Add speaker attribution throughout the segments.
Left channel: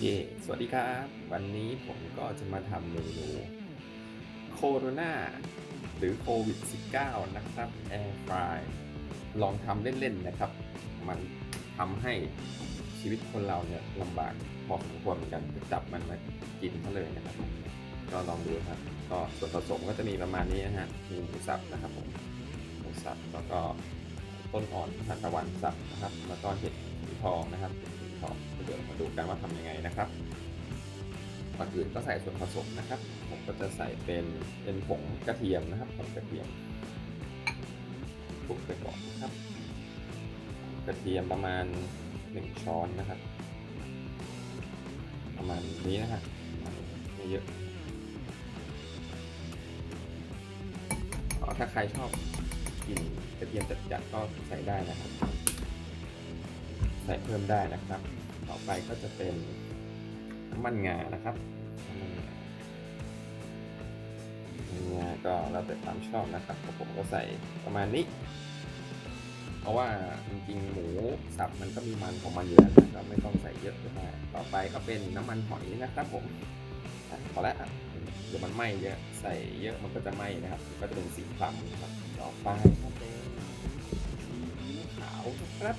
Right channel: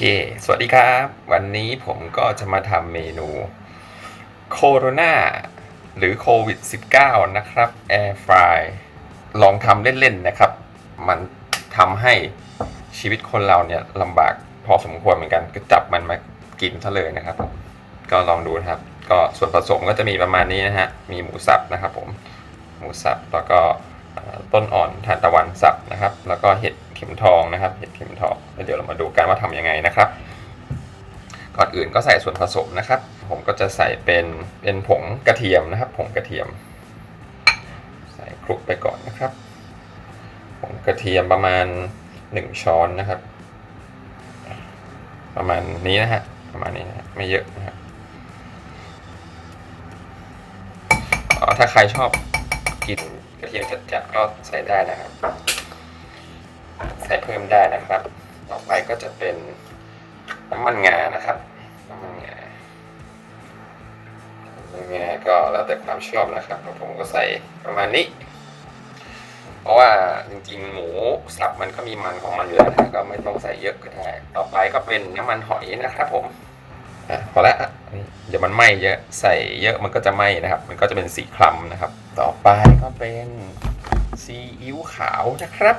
Speaker 1: ค สวัสดีครับ วันนี้ผมก็จะมาทำเมนูโคโรนาหรือโควิด -19 นะครับ Air Fry ลองทำเล่น ๆ นะครับ มันทำให้ชีวิตคนเราเนี่ยลำบากพอสมควรเหมือนกัน ก็จับมันมากินซะเลยนะครับ ก็ลองดูนะครับ ก็ส่วนผสมก็จะมีประมาณนี้นะฮะ มีหมูสับนะครับผม หมูสับแล้วก็ต้นอ่อนทานตะวันสับนะครับ แล้วก็เห็ด ข็มทองนะครับเห็ดเข็มทองแล้วเดี๋ยวเรามาดูกันว่าทำยังไงนะครับ ก่อนอื่นก็ใส่ส่วนผสมนะครับ ผมก็จะใส่เป็นเป็นผงกระเทียมนะครับ ผงกระเทียม ใส่คลุกไปก่อนนะครับผงกระเทียมประมาณ 1 ช้อนนะครับ ประมาณนี้นะฮะประมาณนี้นะฮะไม่เยอะนะครับอ๋อถ้าใครชอบกินกระเทียมจัดๆก็ใส่ได้นะครับ ใส่เพิ่มได้นะครับ ต่อไปก็จะเป็นน้ำมันงานะครับน้ำมันงาน้ำมันงาก็แล้วแต่ความชอบนะครับผมก็ใส่ประมาณนี้ เพราะว่าจริงๆ หมูสับมันก็มีมันของมันอยู่แล้วนะก็ไม่ต้องใส่เยอะก็ได้ต่อไปก็เป็นน้ำมันหอยนะครับผมพอแล้วเดี๋ยวมันไหม้เยอะใส่เยอะมันก็จะไหม้นะครับ มันก็จะเป็นสีคล้ำนะครับ ต่อไปก็เป็นซีอิ๊วขาวนะครับ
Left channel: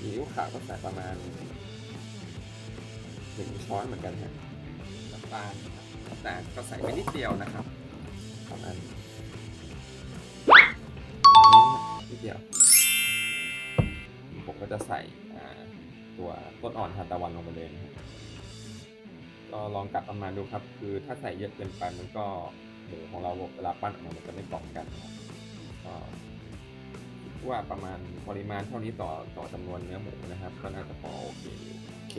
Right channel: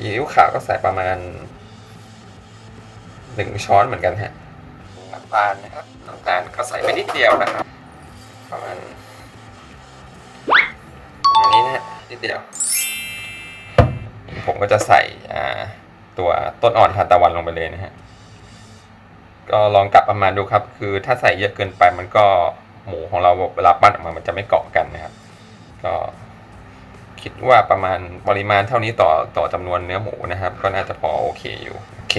Speaker 1: ซีอิ๊วขาวก็ใส่ประมาณหนึ่งช้อนเหมือนกันฮะน้ำตาลนะครับน้ำตาลก็ใส่ไปนิดเดียวนะครับ ประมาณอันนี้นะฮะนิดเดียว ผมก็จะใส่อ่าตัวต้นอ่อนทานตะวันลงไปเลยนะฮะก็ลองกลับประมาณดูครับ คือถ้าใส่เยอะเกินไปมันก็หมูของเราเวลาปั้นออกมามันจะไม่เกาะกันนะครับ ก็ คิดว่าประมาณปริมาณเท่านี้ต่อต่อจำนวนเนื้อหมูนะครับ ก็น่าจะพอโอเคอยู่โอเค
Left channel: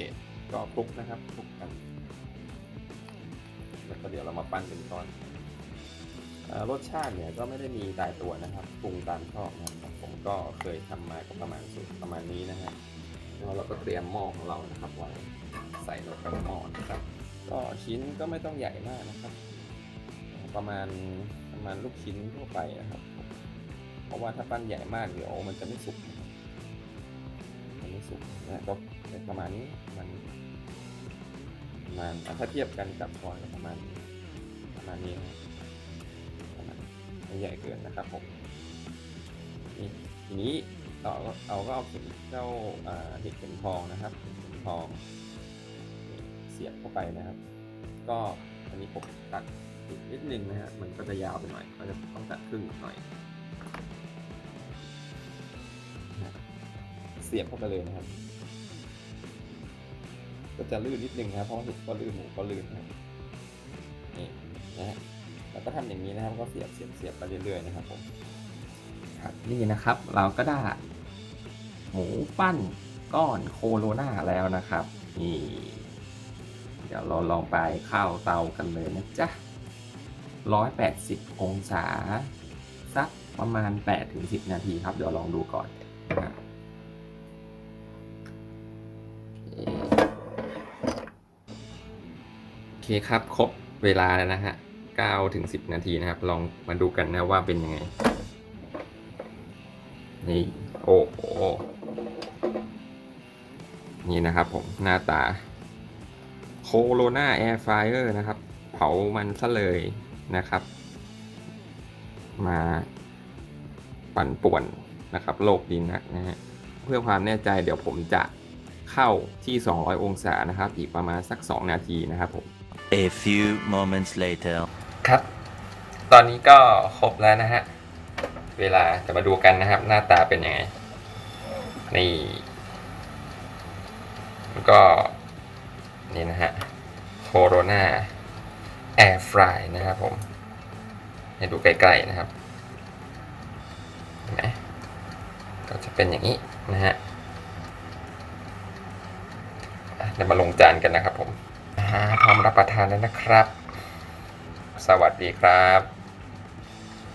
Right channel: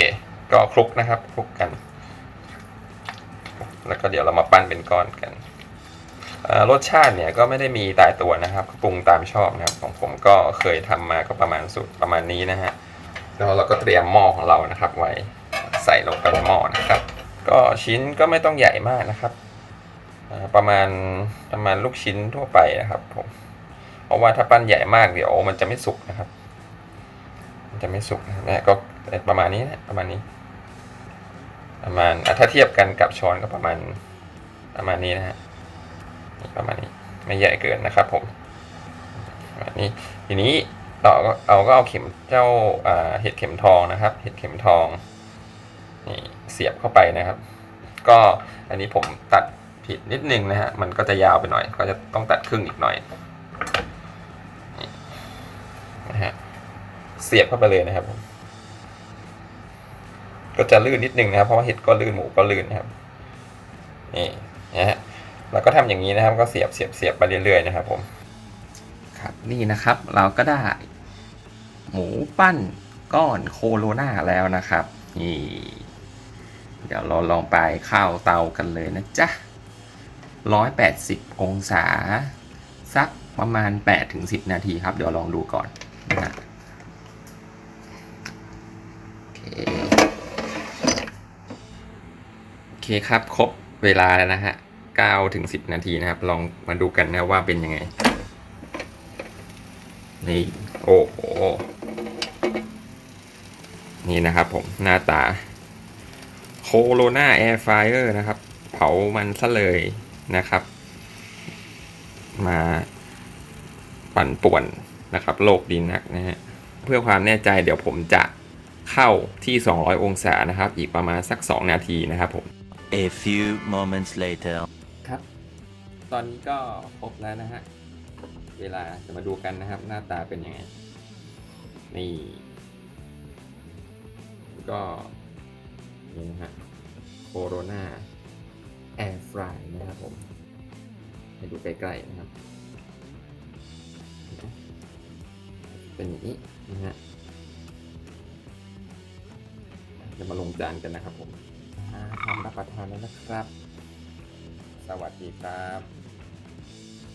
Speaker 1: ก็คลุกนะครับคลุกกัน แล้วก็เดี๋ยวเรามาปั้นเป็นก้อนกันรสชาติเนี่ยก็ไม่ได้มีตายตัวนะครับปรุงตามชอบนะครับ ของผมก็เคยทำมาก็ประมาณสูตรประมาณนี้นะฮะแล้วเราก็เตรียมหม้อของเรานะครับ ไว้ใส่ลงไปในหม้อนะครับ ก็ชิ้นก็ไม่ต้องใหญ่มากนะครับประมาณประมาณลูกชิ้นทั่วไปนะครับผม เพราะว่าถ้าปั้นใหญ่มากเดี๋ยวมันจะไม่สุกนะครับ มันจะไม่สุกนะนะก็ประมาณนี้นะประมาณนี้ ประมาณถ้าเทียบกันกับช้อนก็ประมาณประมาณนี้นะฮะประมาณนี้ไม่ใหญ่เกินนะครับผมประมาณนี้ทีนี้ต่อก็เอาก็เอาเข็มเจ้าเห็ดเข็มทองนะครับ เห็ดเข็มทองนี่เสียบเข้าไปนะครับ ก็อันนี้ผมตัดผิดนิดนึงนะฮะมันก็จะยาวไปหน่อย ก็จะต้องตัดครึ่งอีกหน่อย เสียบเข้าไปเลยนะครับ ก็จะลื่นนิดนึงนะครับ เพราะว่าเห็ดก็ลื่นหมูก็ลื่นนะครับ นี่นะฮะเราก็ทำอย่างนี้นะครับ ก็เสียบเสียบเสียบไปเรื่อยๆนะครับ ผม ครับนี่นะครับ เราก็ได้ หมูปั้นก้อนโคโรนาแล้วนะครับ นี่ เดี๋ยวเราลองไปเข้าเตากันเลยนะจ๊ะ180 องศา สักประมาณ 8-10 นาทีครับ เดี๋ยวลองดูก่อนนะ โอเคครับครบเวลาแล้วนะฮะ9ถึง10 นาทีนะครับ ลองมาดูกันนะว่าเป็นยังไง นี่ โอ้โหนี่นะครับผมหน้าตาโคโรนาแอร์ไฟเออร์นะครับ เผามันซะเลยนะครับ มาปั่นป่วนนะครับ โลกดีนักนะฮะ เพื่อความแน่ใจเดี๋ยวผมจะ เข้าที่ 200 องศานะครับ อีกประมาณสัก 2 นาทีนะครับผม A few moments later. ครับ ตอนนี้ก็ครบแล้วนะฮะ เวลาจะมาดูกันนะครับ หน้าตาเป็นยังไง นี่แล้วก็นี่นะฮะโคโรนาแอร์ฟรายนะครับผม ให้ดูใกล้ๆนะครับเห็นไหมก็จะเป็นอย่างนี้นะฮะ ดี๋ยวมาลงจานกันนะครับผมพร้อมรับประทานแล้วนะครับ สวัสดีครับ